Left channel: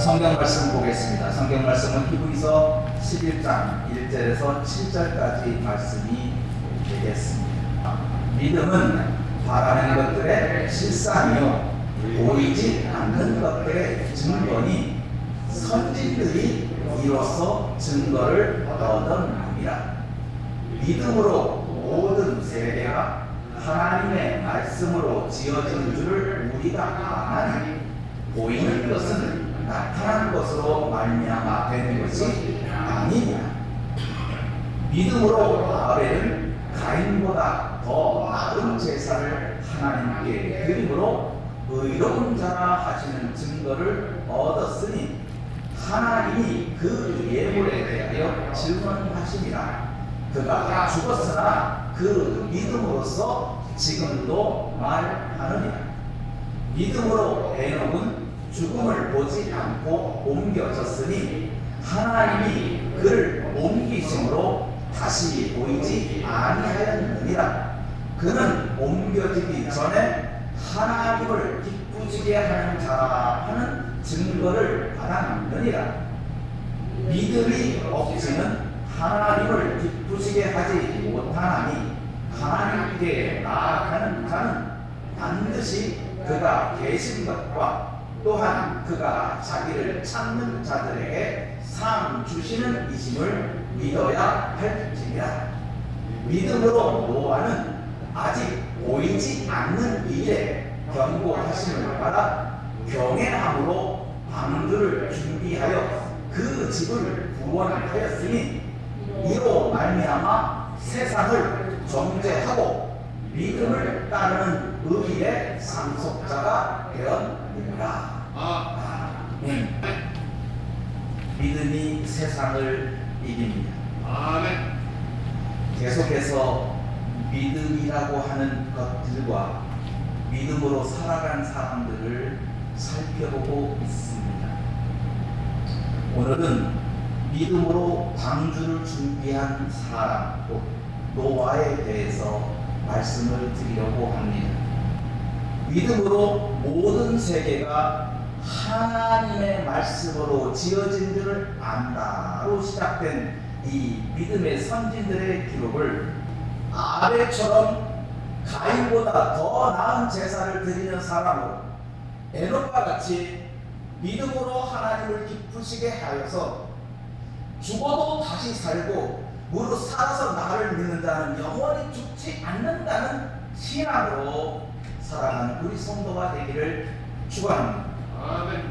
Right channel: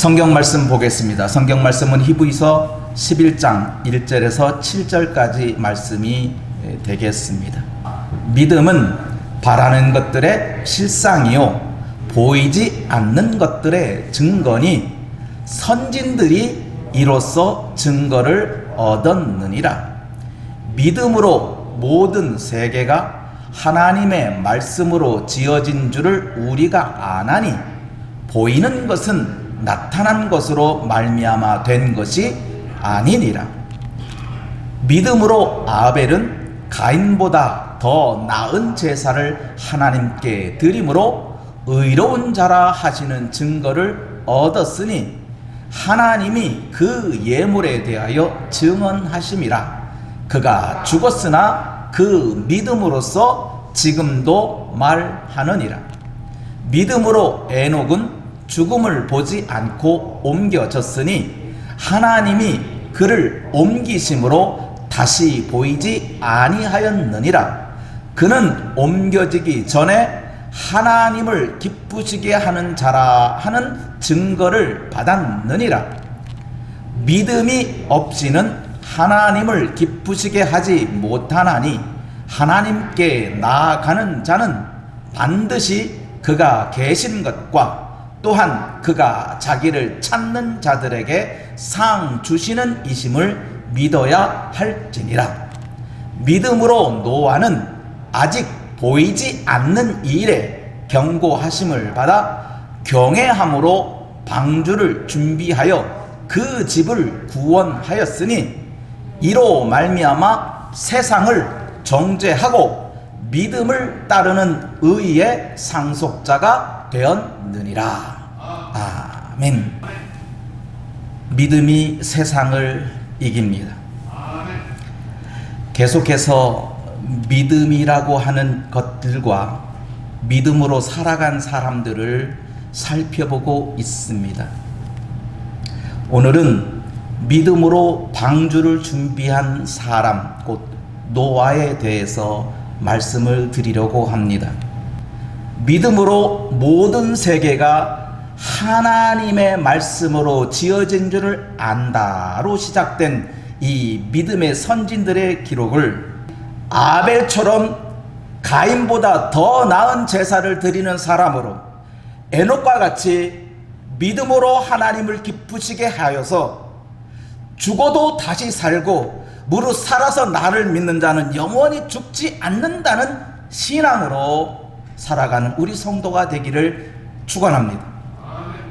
성경 말씀 보겠습니다. 성경 말씀은 히브리서 11장 1절에서 7절까지 말씀이 되겠습니다. 믿음은 바라는 것들의 실상이요 보이지 않는 것들의 증거니 선진들이 이로써 증거를 얻었느니라. 믿음으로 모든 세계가 하나님의 말씀으로 지어진 줄을 우리가 아나니 보이는 것은 나타난 것으로 말미암아 된 것이 아니니라. 믿음으로 아벨은 가인보다 더 나은 제사를 하나님께 드림으로 의로운 자라 하시는 증거를 얻었으니 하나님이 그 예물에 대하여 증언하심이라. 그가 죽었으나 그 믿음으로써 지금도 말하느니라. 믿음으로 에녹은 죽음을 보지 않고 옮겨졌으니 하나님이 그를 옮기심으로 다시 보이지 아니하였느니라. 그는 옮겨지기 전에 하나님을 기쁘시게 하는 자라 하는 증거를 받았느니라. 믿음이 없이는 하나님을 기쁘시게 하지 못하나니 하나님께 나아가는 자는 반드시 그가 계신 것과 또한 그가 자기를 찾는 자들에게 상 주시는 이심을 믿어야 할지니라. 믿음으로 노아는 아직 보이지 않는 일에 경고하심을 받아 경외함으로 방주를 준비하여 그 집을 구원하였으니 이로 말미암아 세상을 정죄하고 믿음을 따르는 의의 상속자가 되었느니라. 아멘. 믿음이 세상을 이깁니다. 계속해서 믿음이라고 하는 것들과 믿음으로 살아간 사람들을 살펴보고 있습니다. 오늘은 믿음으로 방주를 준비한 사람, 곧 노아에 대해서 말씀을 드리려고 합니다. 믿음으로 모든 세계가 하나님의 말씀으로 지어진 줄을 안다로 시작된 이 믿음의 선진들의 기록을 아벨처럼 가인보다 더 나은 제사를 드리는 사람으로 에녹과 같이 믿음으로 하나님을 기쁘시게 하여서 죽어도 다시 살고 무릇 살아서 나를 믿는 자는 영원히 죽지 않는다는 신앙으로 살아가는 우리 성도가 되기를 축원합니다.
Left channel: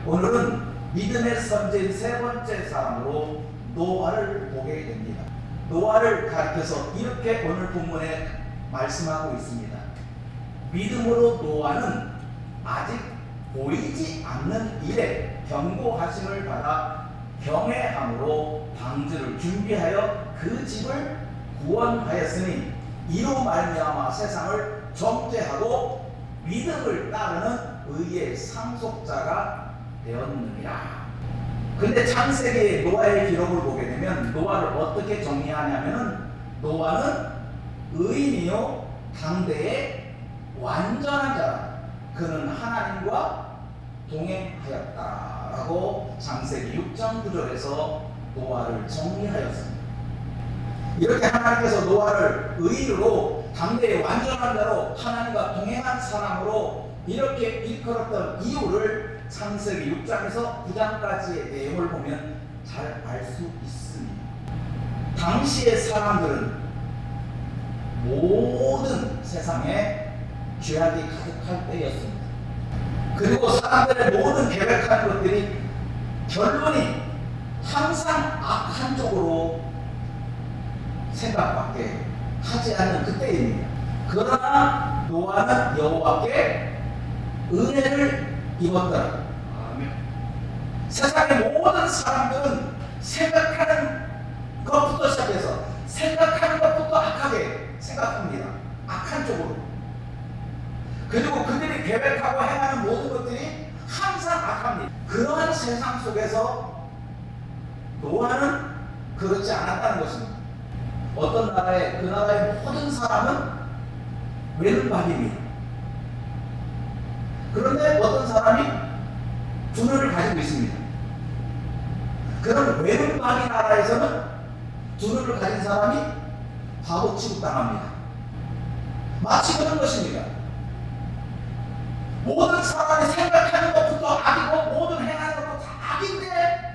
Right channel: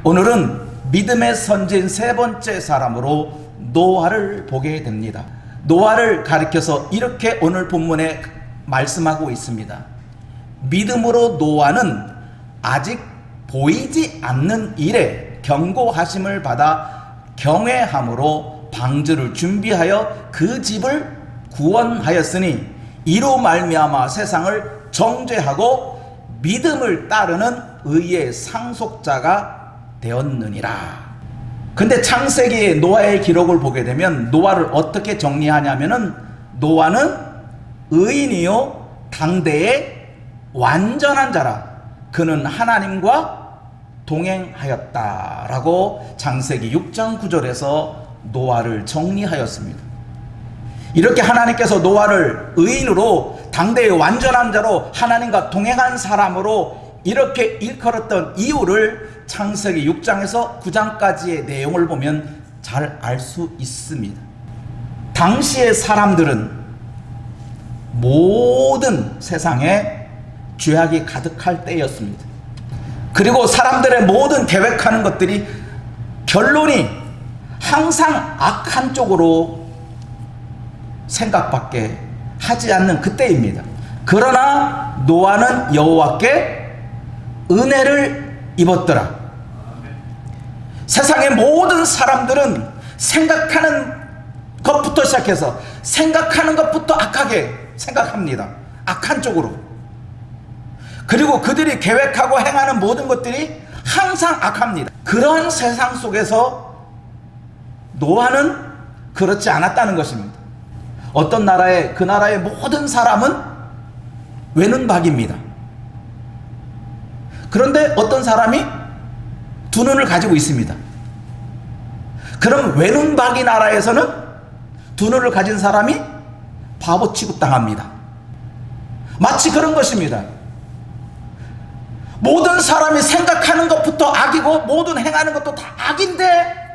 오늘은 믿음의 선진 세 번째 사람으로 노아를 보게 됩니다. 노아를 가리켜서 이렇게 오늘 본문에 말씀하고 있습니다. 믿음으로 노아는 아직 보이지 않는 일에 경고하심을 받아 경외함으로 방주를 준비하여 그 집을 구원하였으니 이로 말미암아 세상을 정죄하고 믿음을 따르는 의의 상속자가 되었느니라. 근데 창세기의 노아의 기록을 보게 되면 노아를 어떻게 정리하냐면은 노아는 의인이요 당대의 완전한 자라. 그는 하나님과 동행하였다라고 창세기 6장 9절에서 노아를 정리하였습니다. 이렇게 하나님께서 노아를 의인으로 당대의 완전한 자로 하나님과 동행한 사람으로 이렇게 일컬었던 이유를 창세기 6장에서 9장까지의 내용을 보면 잘 알 수 있습니다. 당시의 사람들은 모든 세상에 죄악이 가득할 때였습니다. 그리고 사람들의 모든 계획하는 것들이 결론이 항상 악한 쪽으로 생각밖에 하지 않는 그때입니다. 그러나 노아는 여호와께 은혜를 입었더라. 세상의 모든 사람들은 생각하는 것부터 시작해서 생각하는 것부터 악하게 생각합니다. 악한 쪽으로. 그리고 그들이 계획하고 행하는 모든 것들이 항상 악합니다. 그런 세상 속에서 노아는 그렇지 않았다는 것입니다. 어떤 나라에 그 나라의 모든 사람은 외눈박이입니다. 그런데 어떤 사람이 두 눈을 가지고 있습니다. 그럼 외눈박이 나라에서는 두 눈을 가진 사람이 바보 취급당합니다. 마치 그런 것입니다. 모든 사람이 생각하는 것부터 악이고 모든 행하는 것도 다 악인데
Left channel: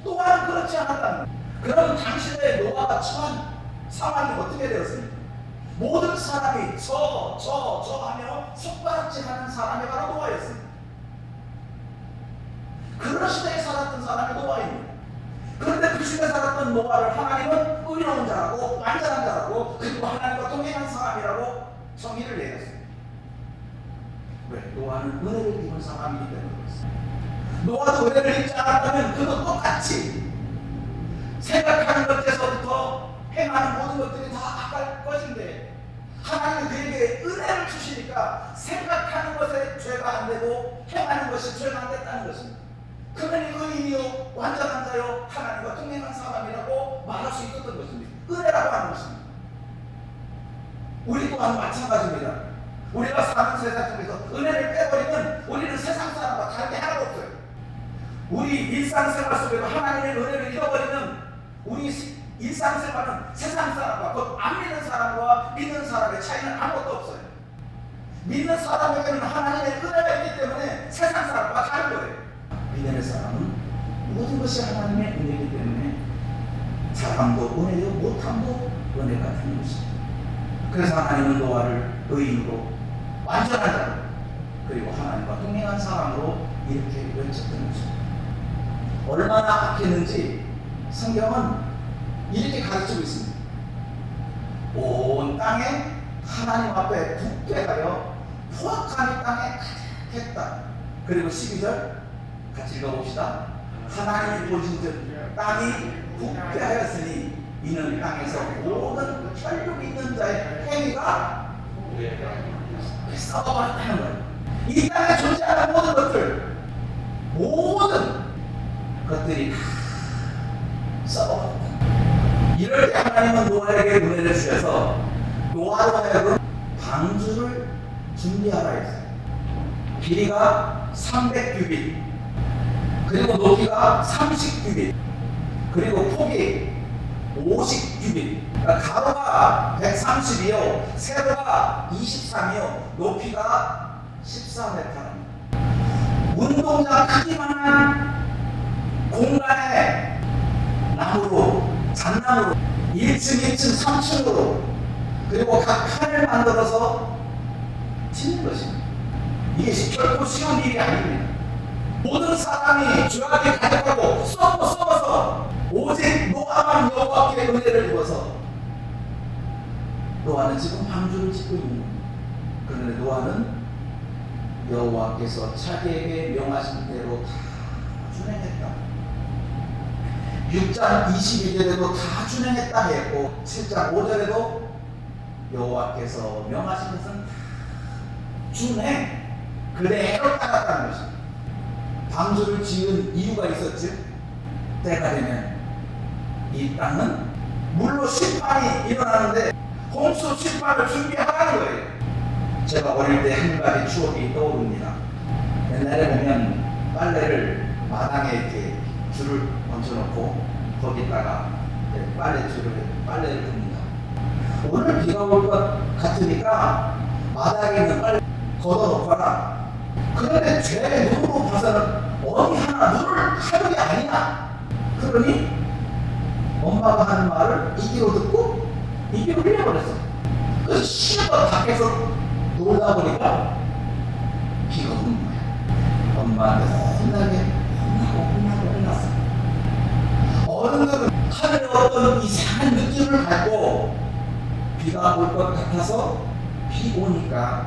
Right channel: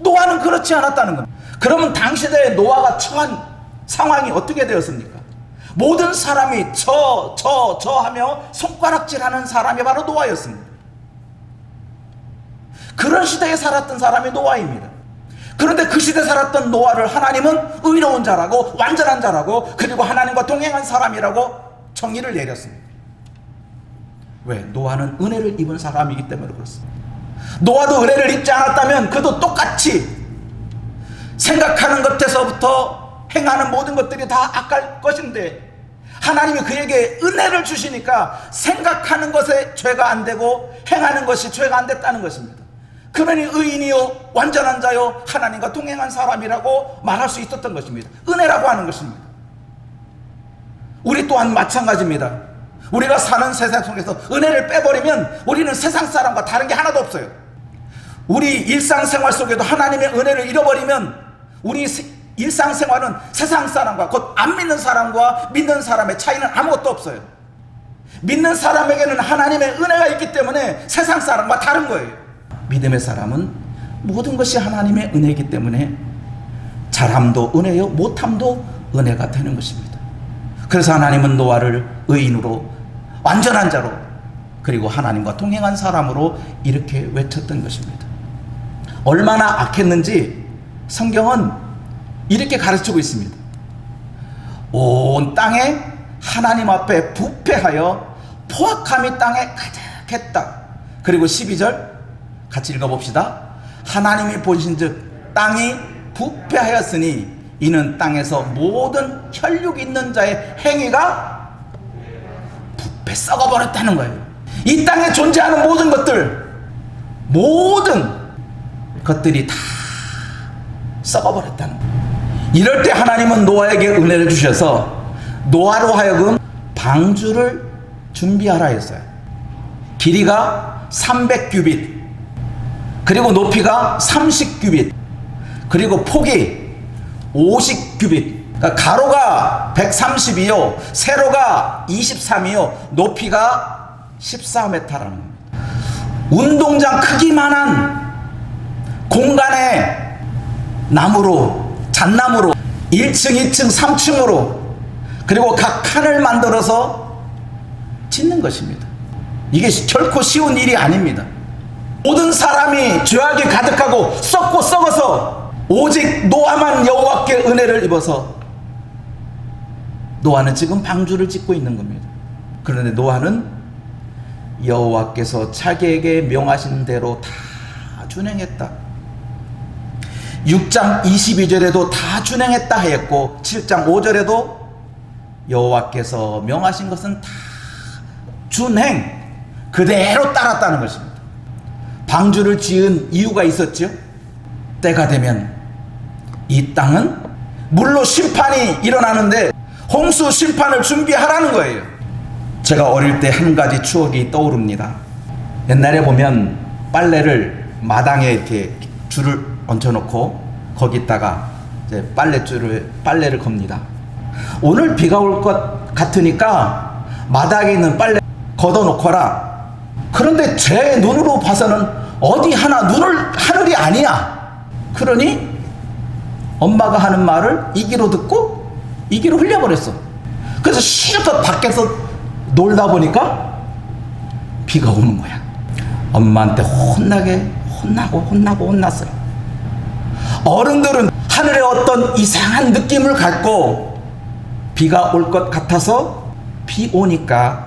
노아는 그렇지 않았다는 겁니다. 그러면 당시대의 노아가 처한 상황이 어떻게 되었습니까? 모든 사람이 저 하며 손가락질하는 사람이 바로 노아였습니다. 그런 시대에 살았던 사람이 노아입니다. 그런데 그 시대에 살았던 노아를 하나님은 의로운 자라고 완전한 자라고 그리고 하나님과 동행한 사람이라고 정의를 내렸습니다. 왜? 노아는 은혜를 입은 사람이기 때문에 그렇습니다. 노아도 은혜를 입지 않았다면 그도 똑같이 생각하는 것에서부터 행하는 모든 것들이 다 악할 것인데 하나님이 그에게 은혜를 주시니까 생각하는 것에 죄가 안 되고 행하는 것이 죄가 안 됐다는 것입니다. 그러니 의인이요 완전한 자요 하나님과 동행한 사람이라고 말할 수 있었던 것입니다. 은혜라고 하는 것입니다. 우리 또한 마찬가지입니다. 우리가 사는 세상 속에서 은혜를 빼버리면 우리는 세상 사람과 다른 게 하나도 없어요. 우리 일상생활 속에도 하나님의 은혜를 잃어버리면 우리 일상생활은 세상 사람과 곧 안 믿는 사람과 믿는 사람의 차이는 아무것도 없어요. 믿는 사람에게는 하나님의 은혜가 있기 때문에 세상 사람과 다른 거예요. 믿음의 사람은 모든 것이 하나님의 은혜이기 때문에 잘함도 은혜요 못함도 은혜가 되는 것입니다. 그래서 하나님은 노아를 의인으로 완전한 자로 그리고 하나님과 동행한 사람으로 이렇게 외쳤던 것입니다. 얼마나 악했는지 성경은 이렇게 가르치고 있습니다. 온 땅에 하나님 앞에 부패하여 포악함이 땅에 가득했다. 그리고 12절 같이 읽어봅시다. 하나님이 보신즉 땅이 부패하였으니 이는 땅에서 모든 혈육 있는 자의 행위가 부패 썩어버렸다는 거예요. 이 땅에 존재하는 모든 것들이 다 썩어버렸다는 거예요. 이럴 때 하나님은 노아에게 은혜를 주셔서 노아로 하여금 방주를 준비하라 했어요. 길이가 300규빗 그리고 높이가 30규빗 그리고 폭이 50규빗 그러니까 가로가 130이요 세로가 23이요 높이가 14m랍니다. 운동장 크기만한 공간에 나무로 잣나무로 1층 2층 3층으로 그리고 각 칸을 만들어서 짓는 것입니다. 이게 결코 쉬운 일이 아닙니다. 모든 사람이 죄악이 가득하고 썩고 썩어서 오직 노아만 여호와께 은혜를 입어서 노아는 지금 방주를 짓고 있는 겁니다. 그런데 노아는 여호와께서 자기에게 명하신 대로 다 준행했다. 6장 22절에도 다 준행했다 했고 7장 5절에도 여호와께서 명하신 것은 다 준행 그대로 따랐다는 것입니다. 방주를 지은 이유가 있었죠. 때가 되면 이 땅은 물로 심판이 일어나는데 홍수 심판을 준비하라는 거예요. 제가 어릴 때 한 가지 추억이 떠오릅니다. 옛날에 보면 빨래를 마당에 이렇게 줄을 얹혀놓고 거기다가 이제 빨래를 겁니다. 오늘 비가 올 것 같으니까 마당에 있는 빨래 걷어놓거라. 그런데 제 눈으로 봐서는 어디 하늘이 아니야. 그러니 엄마가 하는 말을 이기로 듣고 이기로 흘려버렸어. 그래서 실컷 밖에서 놀다 보니까 비가 오는 거야. 엄마한테 혼났어요. 어른들은 하늘에 어떤 이상한 느낌을 갖고 비가 올 것 같아서 비 오니까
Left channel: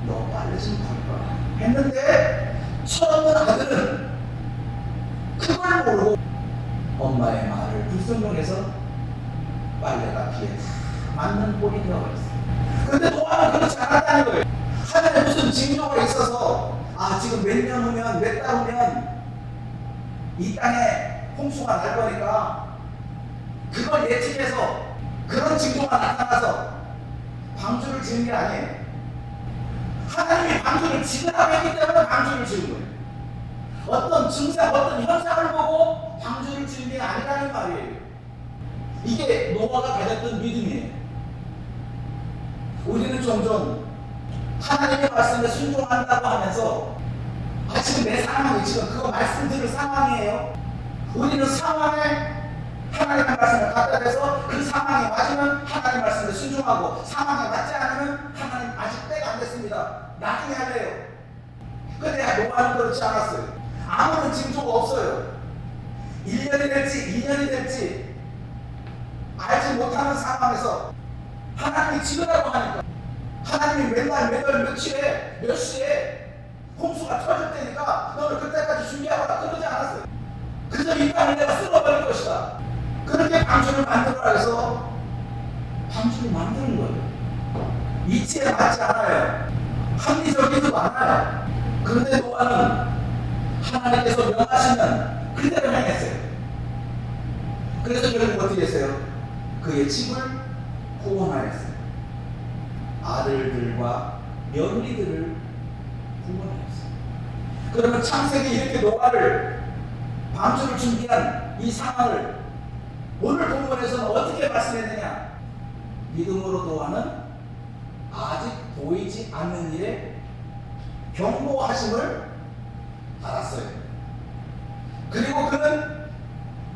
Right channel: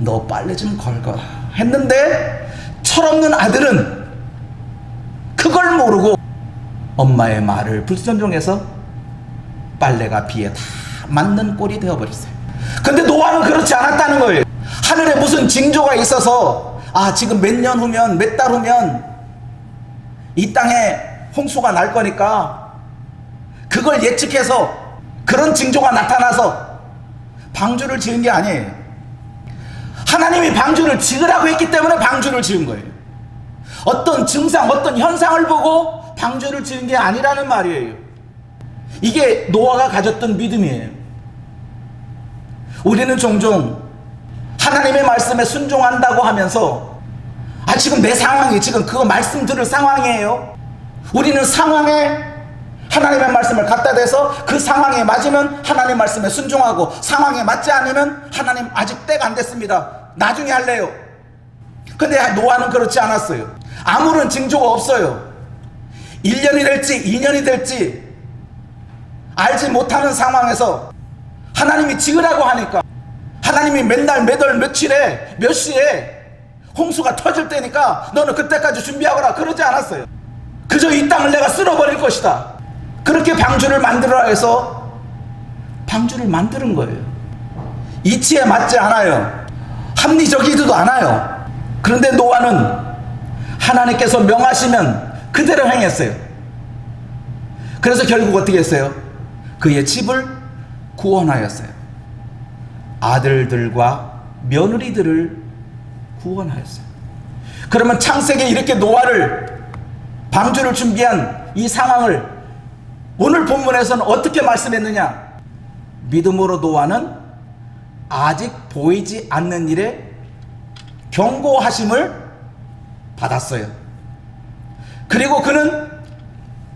너 빨래 좀 걸거라 했는데 철없는 아들은 그걸 모르고 엄마의 말을 불순종해서 빨래가 비에 다 맞는 꼴이 되어버렸어요. 근데 노아는 그렇지 않았다는 거예요. 하늘에 무슨 징조가 있어서 지금 몇 년 후면 몇 달 후면 이 땅에 홍수가 날 거니까 그걸 예측해서 그런 징조가 나타나서 방주를 지은 게 아니에요. 하나님이 방주를 지으라고 했기 때문에 방주를 지은 거예요. 어떤 증상, 어떤 현상을 보고 방주를 지은 게 아니라는 말이에요. 이게 노아가 가졌던 믿음이에요. 우리는 종종 하나님의 말씀에 순종한다고 하면서 지금 내 상황이 지금 그거 말씀 들을 상황이에요. 우리는 상황에 하나님의 말씀을 갖다 대서 그 상황에 맞으면 하나님의 말씀에 순종하고, 상황에 맞지 않으면 하나님 아직 때가 안 됐습니다, 나중에 할래요. 근데 노아는 그렇지 않았어요. 아무런 징조가 없어요. 1년이 될지 2년이 될지 알지 못하는 상황에서 하나님이 지으라고 하니까, 하나님이 맨날 몇월 며칠에 몇 시에 홍수가 터질 때니까 너는 그때까지 준비하거라 그러지 않았어요. 그저 이 땅을 내가 쓸어버릴 것이다, 그렇게 방주를 만들어라 해서 방주를 만드는 거예요. 이치에 맞지 않아요. 합리적이지도 않아요. 그런데 노아는 하나님께서 명하시면 그대로 행했어요. 그래서 결국 어떻게 했어요? 그의 집을 구원하였어요. 아들들과 며느리들을 구원하였어요. 그러면 창세기에 이렇게 노아를, 방주를 준비한 이 상황을 오늘 본문에서는 어떻게 말씀했느냐? 믿음으로 노아는 아직 보이지 않는 일에 경고하심을 받았어요. 그리고 그는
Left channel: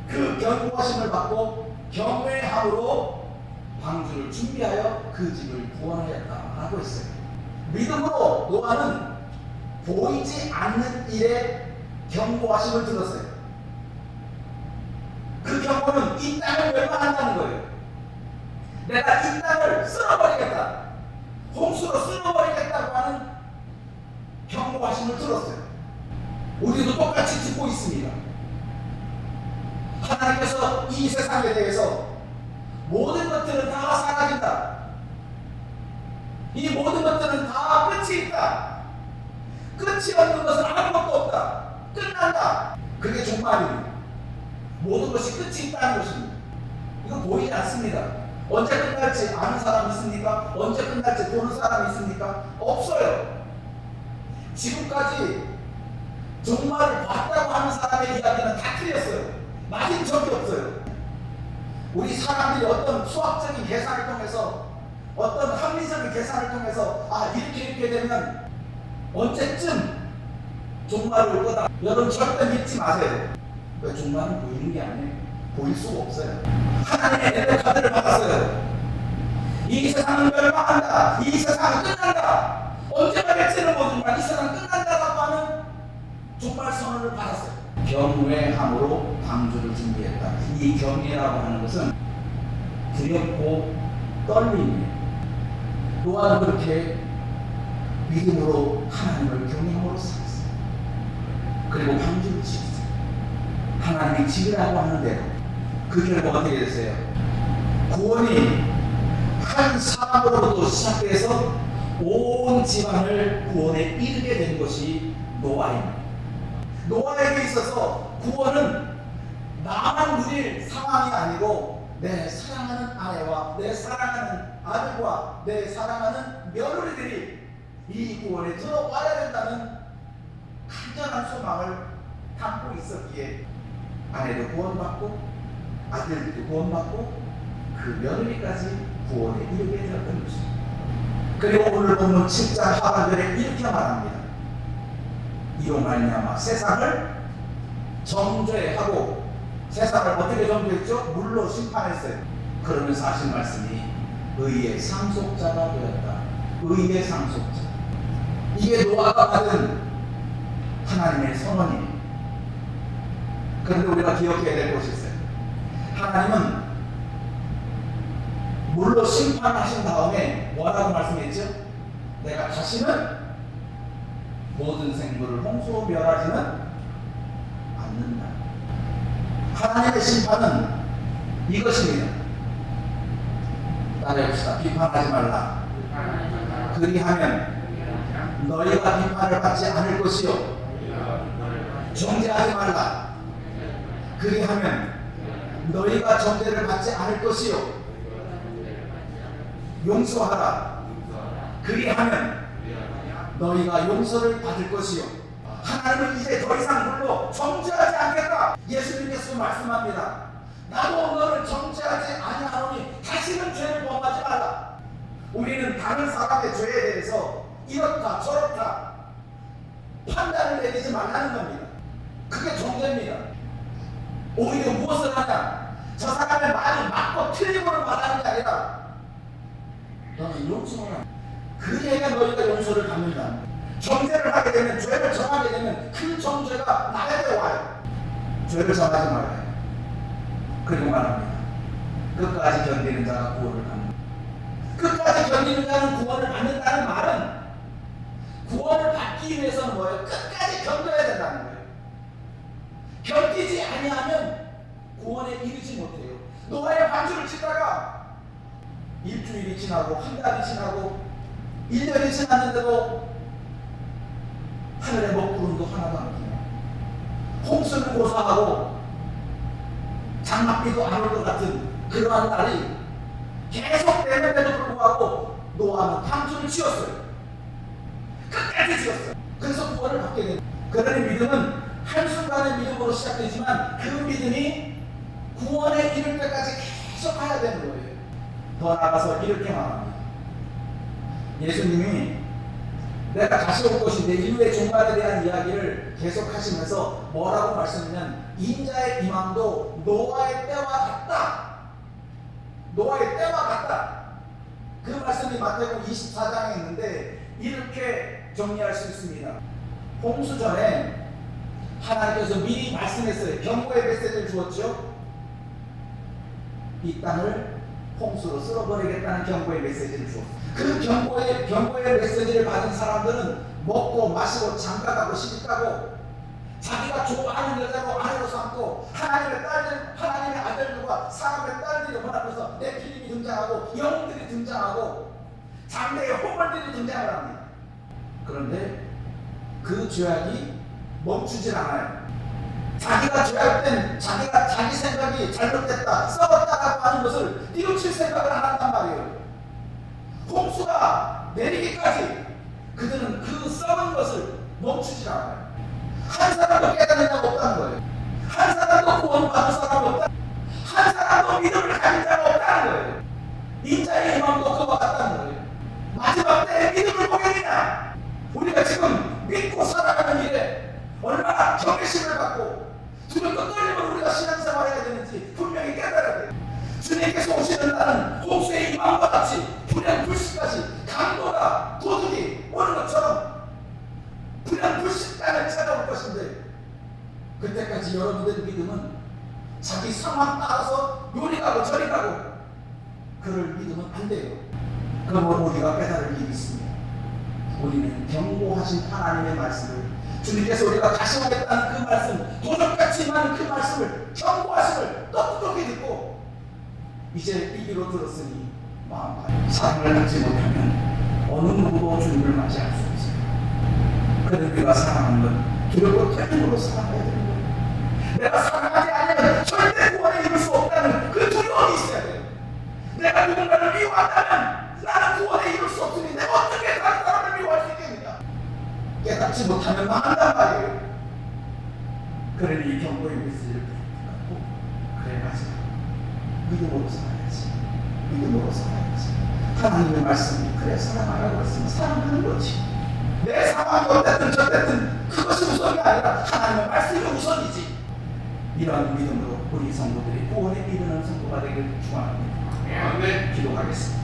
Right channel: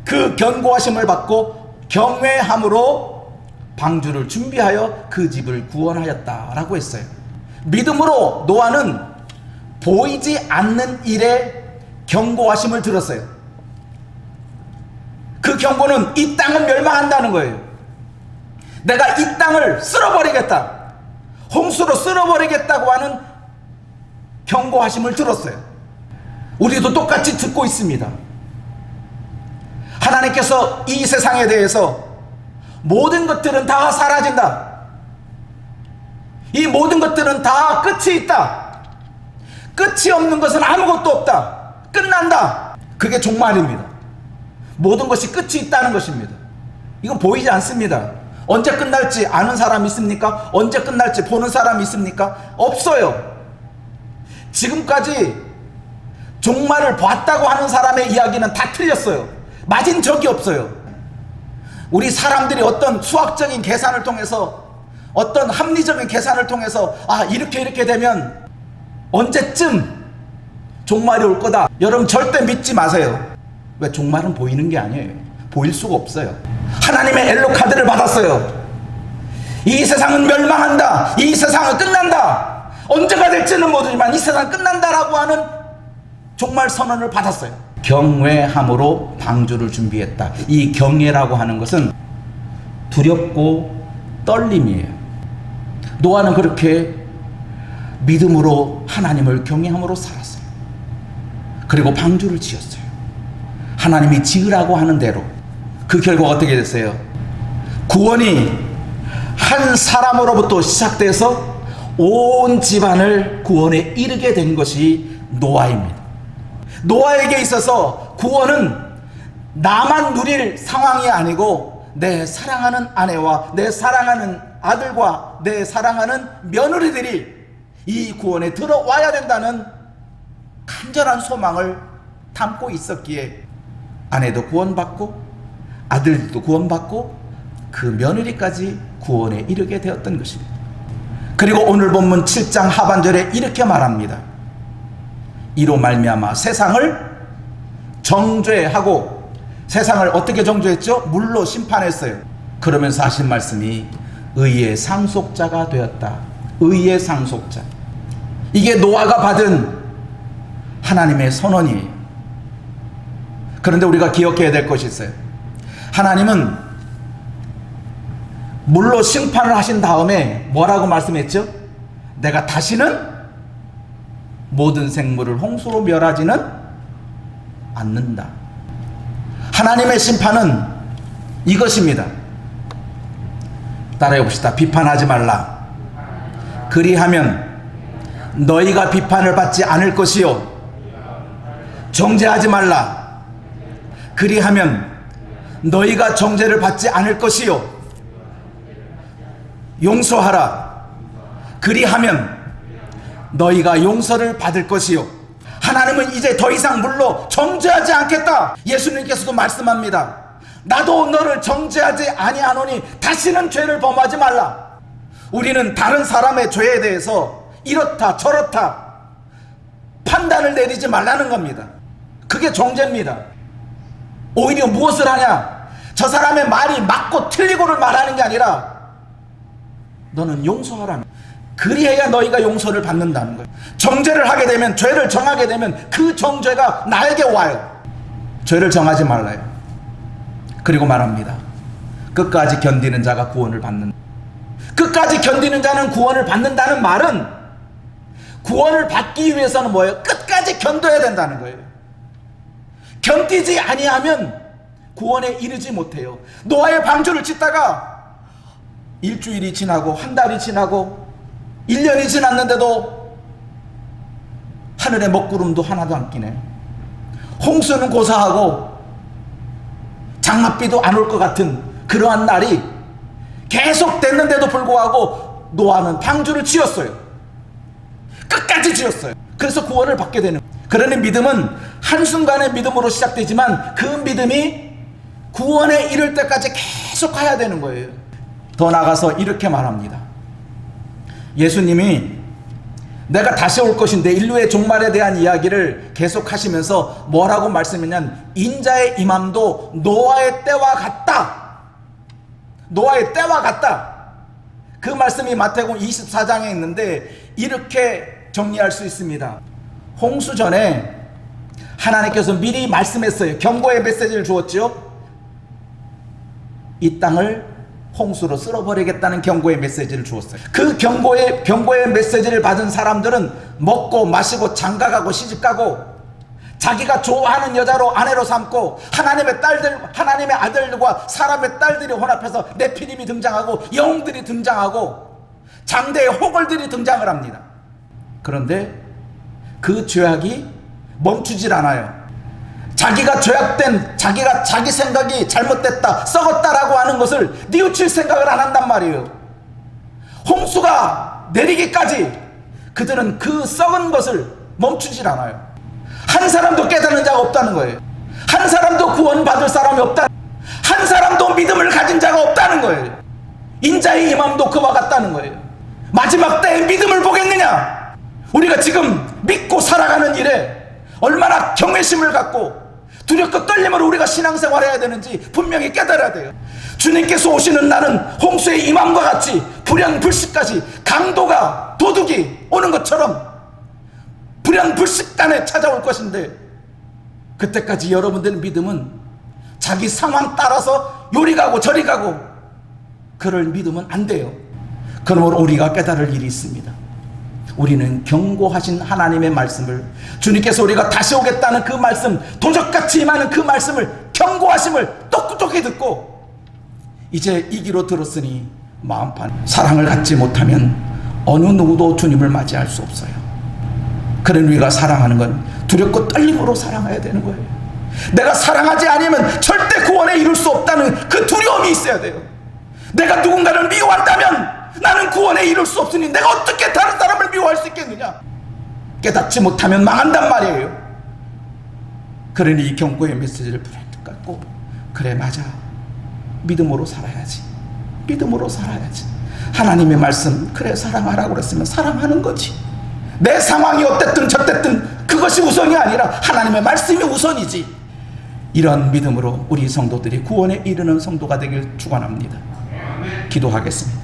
그 경고하심을 받고 경외함으로 방주를 준비하여 그 집을 구원하였다라고 했어요. 믿음으로 노아는 보이지 않는 일에 경고하심을 들었어요. 그 경고는 이 땅은 멸망한다는 거예요. 내가 이 땅을 쓸어버리겠다, 홍수로 쓸어버리겠다고 하는 경고하심을 들었어요. 우리도 똑같이 듣고 있습니다. 하나님께서 이 세상에 대해서 모든 것들은 다 사라진다, 이 모든 것들은 다 끝이 있다, 끝이 없는 것은 아무것도 없다, 끝난다, 그게 종말입니다. 모든 것이 끝이 있다는 것입니다. 이건 보이지 않습니다. 언제 끝날지 아는 사람 있습니까? 언제 끝날지 보는 사람 있습니까? 없어요. 지금까지 종말을 봤다고 하는 사람의 이야기는 다 틀렸어요. 맞은 적이 없어요. 우리 사람들이 어떤 수학적인 계산을 통해서, 어떤 합리적인 계산을 통해서 이렇게 되면 언제쯤 종말이 올 거다, 여러분 절대 믿지 마세요. 왜? 종말은 보이는 게 아니에요. 보일 수가 없어요. 하나님의 엘로 카드를 받았어요. 이 세상은 멸망한다, 이 세상은 끝난다, 언제가 될지는 모르지만 이 세상은 끝난다라고 하는 종말 선언을 받았어요. 경외함으로 방주를 준비했다. 이 경외라고 하는 것은 두렵고 떨림이에요. 노아는 그렇게 믿음으로 하나님을 경외함으로 살았어요. 그리고 방주를 지었어요. 하나님이 지으라고 하는 대로. 그 결과가 어떻게 됐어요? 구원이 한 사람으로부터 시작돼서 온 집안을 구원에 이르게 된 것이 노아입니다. 노아에게 있어서 구원은 나만 누릴 상황이 아니고 내 사랑하는 아내와 내 사랑하는 아들과 내 사랑하는 며느리들이 이 구원에 들어와야 된다는 간절한 소망을 담고 있었기에 아내도 구원받고 아들도 구원받고 그 며느리까지 구원에 이르게 되었던 것입니다. 그리고 오늘 본문 7장 하반절에 이렇게 말합니다. 이로 말미암아 세상을 정죄하고, 세상을 어떻게 정죄했죠? 물로 심판했어요. 그러면서 하신 말씀이 의의 상속자가 되었다. 의의 상속자. 이게 노아가 받은 하나님의 선언이에요. 그런데 우리가 기억해야 될 것이 있어요. 하나님은 물로 심판을 하신 다음에 뭐라고 말씀했죠? 내가 다시는 모든 생물을 홍수로 멸하지는 않는다. 하나님의 심판은 이것입니다. 따라해 봅시다. 비판하지 말라. 그리하면 너희가 비판을 받지 않을 것이요, 정죄하지 말라. 그리하면 너희가 정죄를 받지 않을 것이요, 용서하라. 그리하면 너희가 용서를 받을 것이요. 하나님은 이제 더 이상 물로 정죄하지 않겠다. 예수님께서도 말씀합니다. 나도 너를 정죄하지 아니하노니 다시는 죄를 범하지 말라. 우리는 다른 사람의 죄에 대해서 이렇다 저렇다 판단을 내리지 말라는 겁니다. 그게 정죄입니다. 오히려 무엇을 하냐? 저 사람의 말이 맞고 틀리고를 말하는 게 아니라 너는 용서하라는, 그리해야 너희가 용서를 받는다는 거예요. 정죄를 하게 되면, 죄를 정하게 되면 그 정죄가 나에게 와요. 죄를 정하지 말라요. 그리고 말합니다. 끝까지 견디는 자가 구원을 받는다. 끝까지 견디는 자는 구원을 받는다는 말은 구원을 받기 위해서는 뭐예요? 끝까지 견뎌야 된다는 거예요. 견디지 아니하면 구원에 이르지 못해요. 노아의 방주를 짓다가 일주일이 지나고 한 달이 지나고 1년이 지났는데도 하늘에 먹구름도 하나도 안 끼네. 홍수는 고사하고 장맛비도 안 올 것 같은 그러한 날이 계속 됐는데도 불구하고 노아는 방주를 지었어요. 끝까지 지었어요. 그래서 구원을 받게 되는 거예요. 그러니 믿음은 한순간의 믿음으로 시작되지만 그 믿음이 구원에 이를 때까지 계속 가야 되는 거예요. 더 나아가서 이렇게 말합니다. 예수님이 내가 다시 올 것인데 인류의 종말에 대한 이야기를 계속 하시면서 뭐라고 말씀했냐면 인자의 임함도 노아의 때와 같다. 노아의 때와 같다. 그 말씀이 마태복음 24장에 있는데 이렇게 정리할 수 있습니다. 홍수 전에 하나님께서 미리 말씀했어요. 경고의 메시지를 주었죠. 이 땅을 홍수로 쓸어버리겠다는 경고의 메시지를 주었어요. 그 경고의 메시지를 받은 사람들은 먹고 마시고 장가가고 시집가고 자기가 좋아하는 여자로 아내로 삼고 하나님의 딸들, 하나님의 아들들과 사람의 딸들이 혼합해서 네피림이 등장하고 영들이 등장하고 장대의 호걸들이 등장을 합니다. 그런데 그 죄악이 멈추질 않아요. 자기가 죄악된, 자기가 자기 생각이 잘못됐다, 썩었다라고 하는 것을 뉘우칠 생각을 안 한단 말이에요. 홍수가 내리기까지 그들은 그 썩은 것을 멈추질 않아요. 한 사람도 깨닫는 자가 없다는 거예요. 한 사람도 구원받을 사람이 없다. 한 사람도 믿음을 가진 자가 없다는 거예요. 인자의 임함도 그와 같다는 거예요. 마지막 때에 믿음을 보겠느냐? 우리가 지금 믿고 살아가는 일에 얼마나 경외심을 갖고 두렵고 떨림으로 우리가 신앙생활해야 되는지 분명히 깨달아야 돼요. 주님께서 오시는 날은 홍수의 임함과 같이 불현불식까지 강도가 도둑이 오는 것처럼 불현불식간에 찾아올 것인데 그때까지 여러분들 믿음은 자기 상황 따라서 요리 가고 저리 가고 그럴 믿으면 안 돼요. 그러므로 우리가 깨달을 일이 있습니다. 우리는 경고하신 하나님의 말씀을, 주님께서 우리가 다시 오겠다는 그 말씀, 도적같이 임하는 그 말씀을, 경고하심을 똑똑히 듣고 이제 이 귀로 들었으니 마음판 사랑을 갖지 못하면 어느 누구도 주님을 맞이할 수 없어요. 그런 우리가 사랑하는 건 두렵고 떨림으로 사랑해야 되는 거예요. 내가 사랑하지 않으면 절대 구원에 이룰 수 없다는 그 두려움이 있어야 돼요. 내가 누군가를 미워한다면 나는 구원에 이룰 수 없으니 내가 어떻게 다른 사람을 미워할 수 있겠느냐? 깨닫지 못하면 망한단 말이에요. 그러니 이 경고의 메시지를 불현듯 갖고 그래 맞아, 믿음으로 살아야지, 믿음으로 살아야지. 하나님의 말씀, 그래 사랑하라고 그랬으면 사랑하는 거지. 내 상황이 어땠든 저땠든 그것이 우선이 아니라 하나님의 말씀이 우선이지. 이런 믿음으로 우리 성도들이 구원에 이르는 성도가 되길 축원합니다. 기도하겠습니다.